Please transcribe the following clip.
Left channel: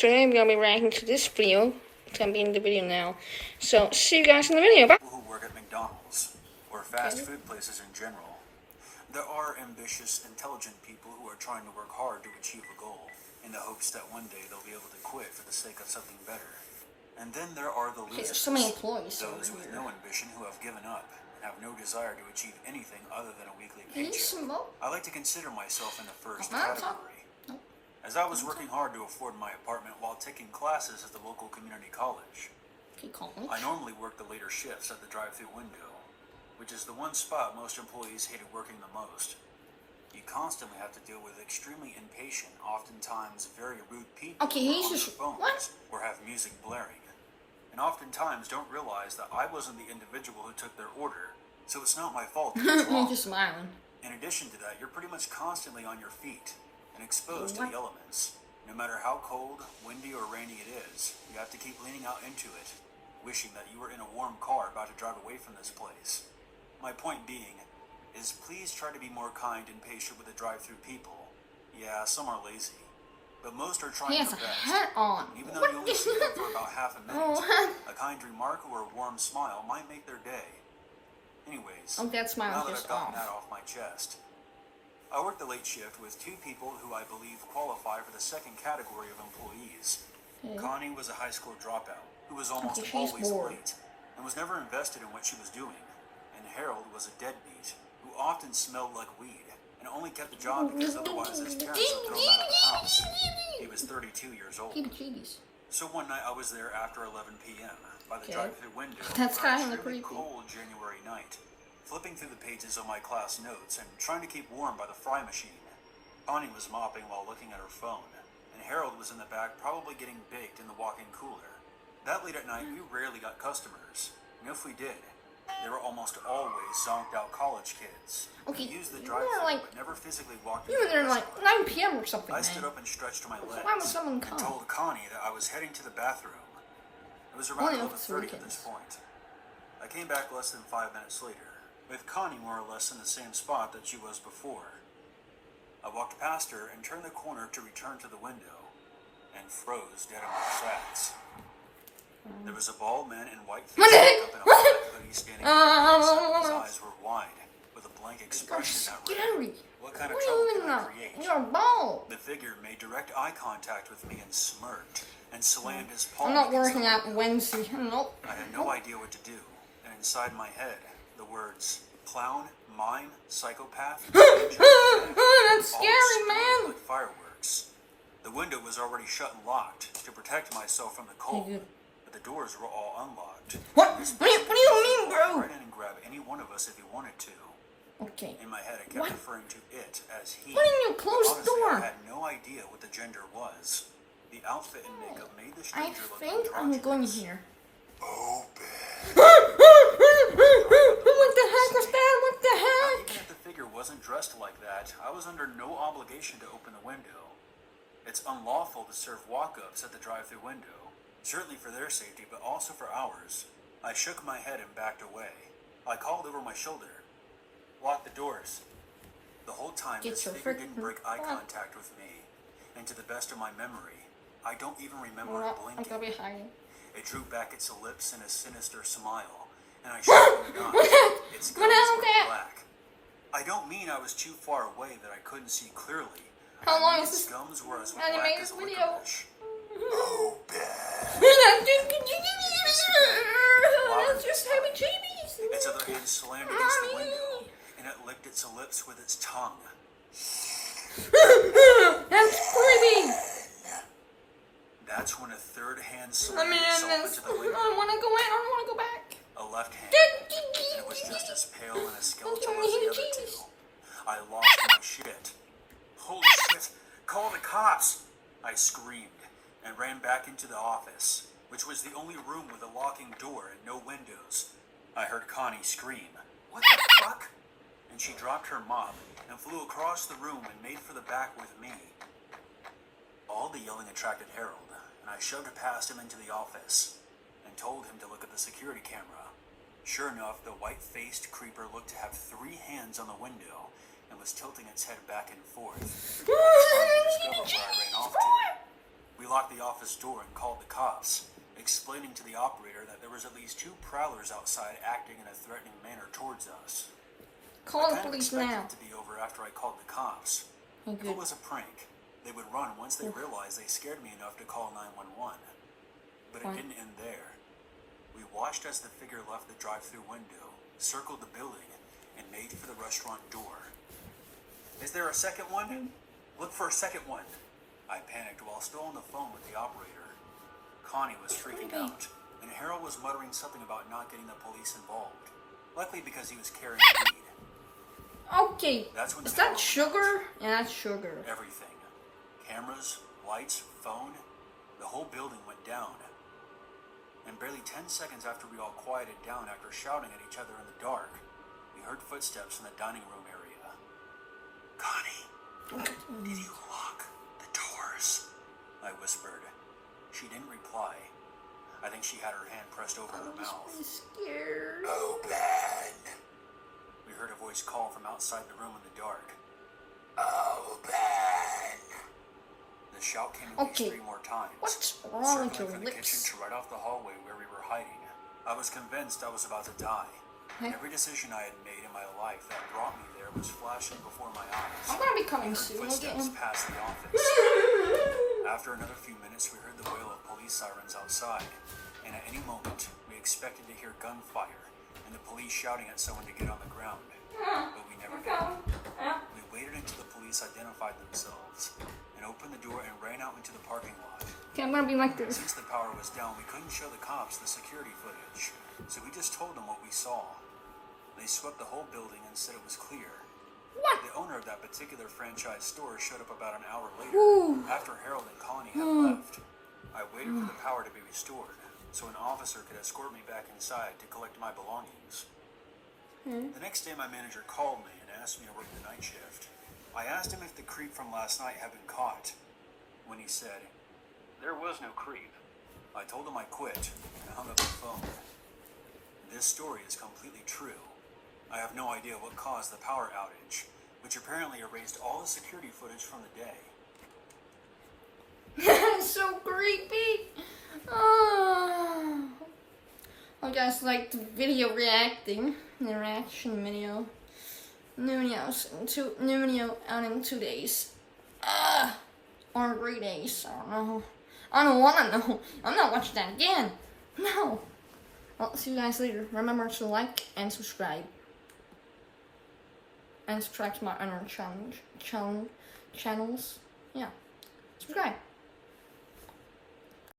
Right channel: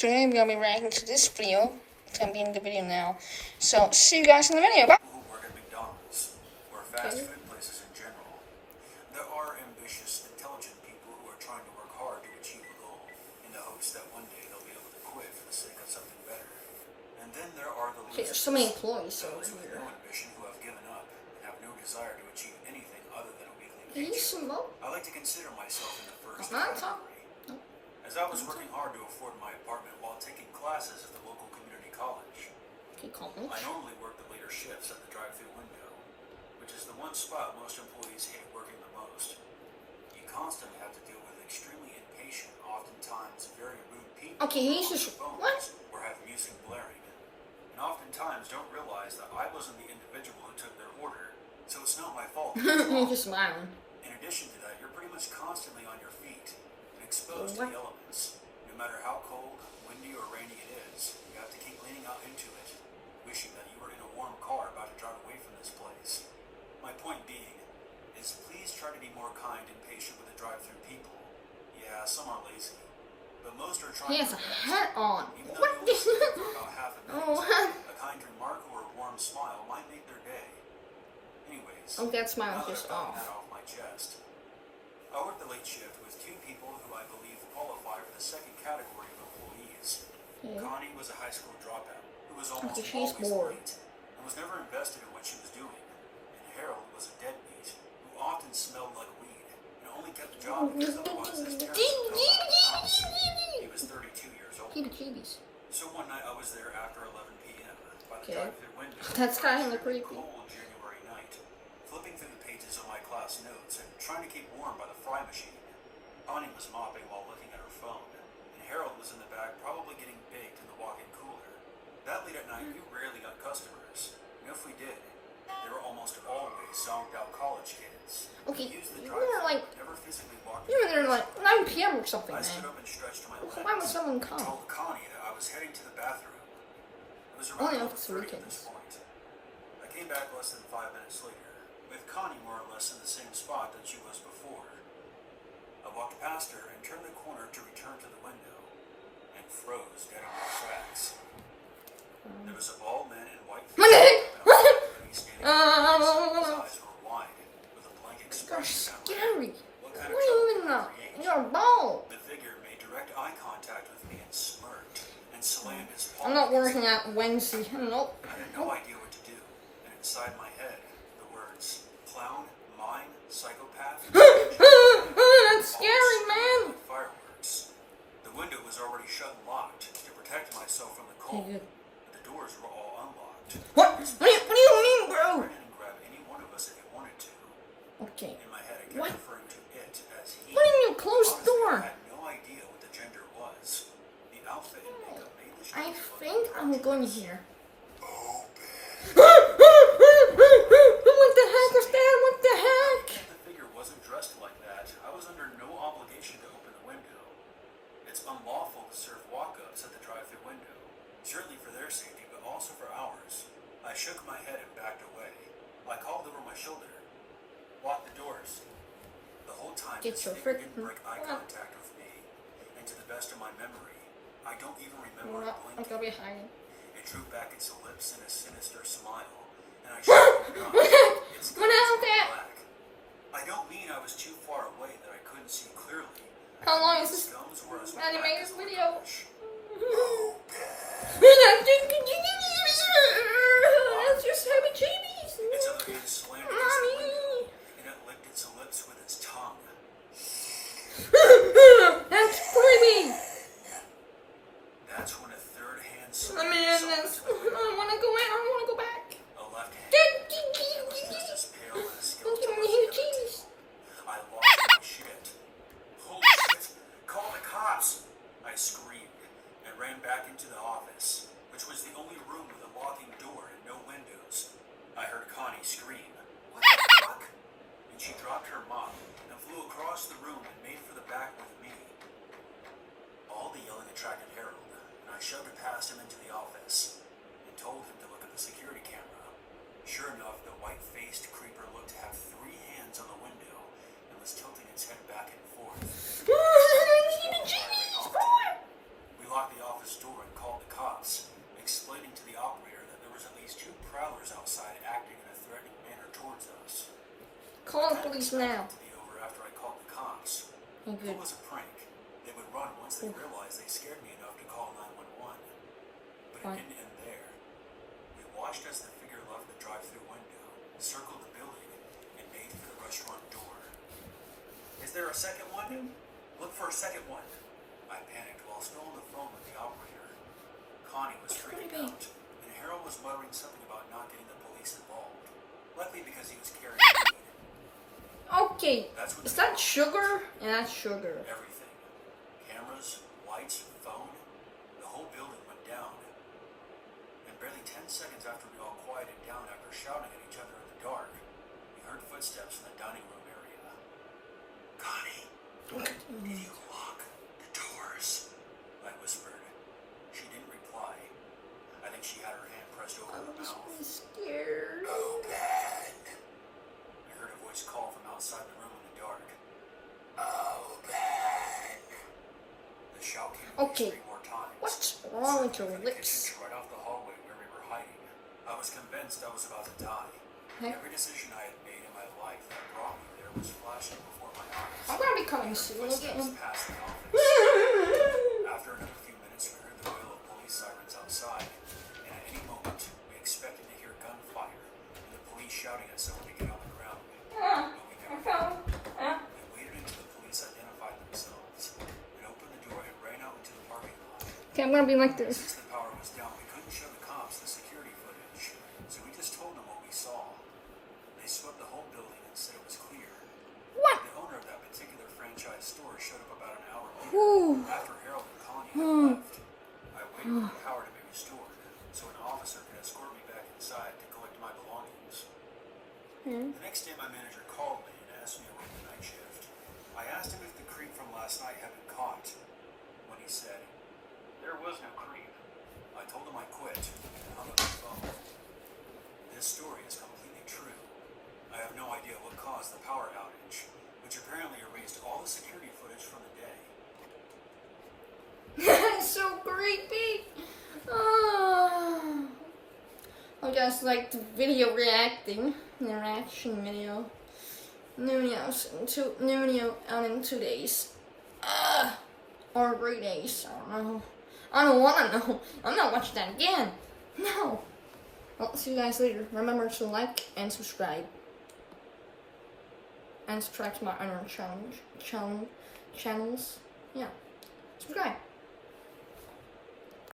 Today I'm going to be reacting to this video. I'm being the video now. So, see you guys in the video. Bye. People who work at McDonald's or fast food places in general. There are ambitious, intelligent people who are trying to work hard to achieve a goal in the hopes that one day they'll be able to quit for the sake of something better. And then there are the losers, there's so many employees those over with here. no ambition who have given up and have no desire to achieve anything other than a weekly Can you paycheck. smoke? I like to consider myself in the first Not category. As I was working hard to afford my apartment while taking classes at the local community college, I normally worked the later shifts at the drive-thru window, which is the one spot most employees hated working the most. You constantly have to deal with extremely impatient, oftentimes very rude people Okay, he's on just their phones or have music blaring, and oftentimes don't realize that I wasn't the individual who took their order, so it's not my fault. You're just lying. In addition to that, you're pretty much constantly on your feet and exposed to the elements. No matter how cold, windy, or rainy it is, you have to keep leaning out into it, wishing that you were in a warm car about to drive away from this place. My point being is please try to be more kind and patient with the drive-thru people. Yeah, some are lazy, but most are trying He has their a best. hat on. Even though you only see them for about half a minute, a kind remark or a warm smile might make their day. Anyways, That smile now that just I've gotten off. that off my chest, I work the late shift with two people who I believe qualify for the second category of employees. Connie was a high school dropout who was almost she's always bored. late and was never invested in what she was doing. And Harold was a deadbeat who often smelled like weed and only kept the job because otherwise his parents would throw him out of the house. He was 32 years old. So one night I was there after 11 p.m. by the drive-thru window. That's where kinda it was creepy. cold January night, flipping through the pages of my class notes and trying to keep warm by the fry machine. Connie was mopping while looking at her phone, and Harold was in the back probably getting baked in the walk-in cooler. That late at night, we rarely got customers, and if we did, they were almost always zonked-out college kids. Okay, Who used the you drive-thru were but never physically walked You were there into the like restaurant. 9 p.m. or something, I stood man. up and stretched my legs Why would someone and come? told Connie that I was heading to the bathroom. It was Only around up to 11:30 at this weekends. point. I came back less than 5 minutes later, with Connie more or less in the same spot that she was before. I walked past her and turned the corner to return to the window, and froze dead in my tracks. There was a bald man in white face up in a black hoodie standing behind us. His eyes were wide, with a blank expression that read, "What kind of trouble can I create?" You're bald. The figure made direct eye contact with me and smirked, and slammed his palm. I'm not against working the out Wednesday. Nope. I had no idea what to do, and inside my head, the words clown, mime, psychopath, That's scary, man. like fireworks. The window was already shut and locked to protect myself from the cold, but the doors were all unlocked. What do you mean, bro? Run in and grab any one of us if you wanted to. Okay. In my head, I kept referring to it as he. What do you mean, close the Honestly, door? I had no idea what the gender was. The outfit and makeup made the I stranger look think I'm going androgynous. here. What the heck was that? What the heck? Even if the figure wasn't dressed like that, I was under no obligation to open the window. It's unlawful to serve walk-ups at the drive-thru window, certainly for their safety, but also for ours. I shook my head and backed away. I called over my shoulder. Lock the doors. The whole time, Get this your figure didn't freaking break eye butt. contact with me, and to the best of my memory, I don't even remember We're it not. I'm blinking. gonna be hiding. It drew back its lips in a sinister smile, and I shut the gun. Its What gums happened were there? black. I don't mean I was too far away that I couldn't see clearly. How long I mean is its this gums were as animated black as video? licorice. That's just heavy cheese. Its other hand slammed against the window, and it licked its lips with its tongue. That's creepy. That's when a third hand Let me slammed end itself this. into the I window. don't want to go in. I don't want to go back. A left hand. It was just as pale and as skeletal as the other two. I lost my shit. Holy shit! Call the cops! I screamed and ran back into the office, which was the only room with a locking door and no windows. I heard Connie scream, "What the fuck?" And she dropped her mop and flew across the room and made for the back with me. All the yelling attracted Harold, and I shoved past him into the office and told him to look at the security camera. Sure enough, the white-faced creeper looked to have 3 hands on the window and was tilting its head back and forth. We locked the office door and called the cops, explaining to the operator that there was at least 2 prowlers outside acting in a threatening manner towards us. Call the police now. To be over after I called the cops. Oh, If good. it was a prank, they would run once they realized they scared me enough to call 911. But it didn't end there. We watched as the figure left the drive-thru window, circled the building, and made for the restaurant door. Is there a second one? Look for a second one. I panicked while still on the phone with the operator. Connie was freaking out, and Harold was muttering something about not getting the police involved, likely because he was carrying weed. Okay, is that sugar? Yeah, that's sugar. Everything. Cameras, lights, phone. The whole building went down. And barely 10 seconds after we all quieted down after shouting at each other in the dark, we heard footsteps in the dining room area. Connie, did you lock the doors? I whispered. She didn't reply. I think she had her hand pressed over her mouth. I'm scared. Open! We heard a voice call from outside the room in the dark. Open! The shout came at least 3 more times. What's wrong with your Circling from the lips? kitchen to right off the hallway where we were hiding. I was convinced I was about to die. Every decision I had made in my life that brought me there was flashing before my eyes. I'm gonna be coming soon Footsteps again. past the office. After another few minutes, we heard the wail of police sirens outside, and at any moment, we expected to hear gunfire and the police shouting at someone to get on the ground. But we never did. We waited until the police identified themselves and opened the door and ran out into the parking lot. Okay, I'm gonna be like this. Since the power was down, we couldn't show the cops the security footage, so we just told them what we saw. They swept the whole building and said it was clear. What? The owner of that particular franchise store showed up about an hour later, Ooh. after Harold and Connie had left. I waited for the power to be restored, so an officer could escort me back inside to collect my belongings. The next day, my manager called me and asked me to work the night shift. I asked him if the creep from last night had been caught. When he said, there was no creep, I told him I quit and hung up the phone. This story is completely true. I have no idea what caused the power outage, which apparently erased all the security footage from the day. That's so creepy. Oh. I guys like the video reaction video. New video out in 2 days. Or 3 days. I don't know. I don't wanna know. I'm not watching that again. No. Well, see you guys later. Remember to like and subscribe. And subscribe to my other channels. Yeah. Subscribe.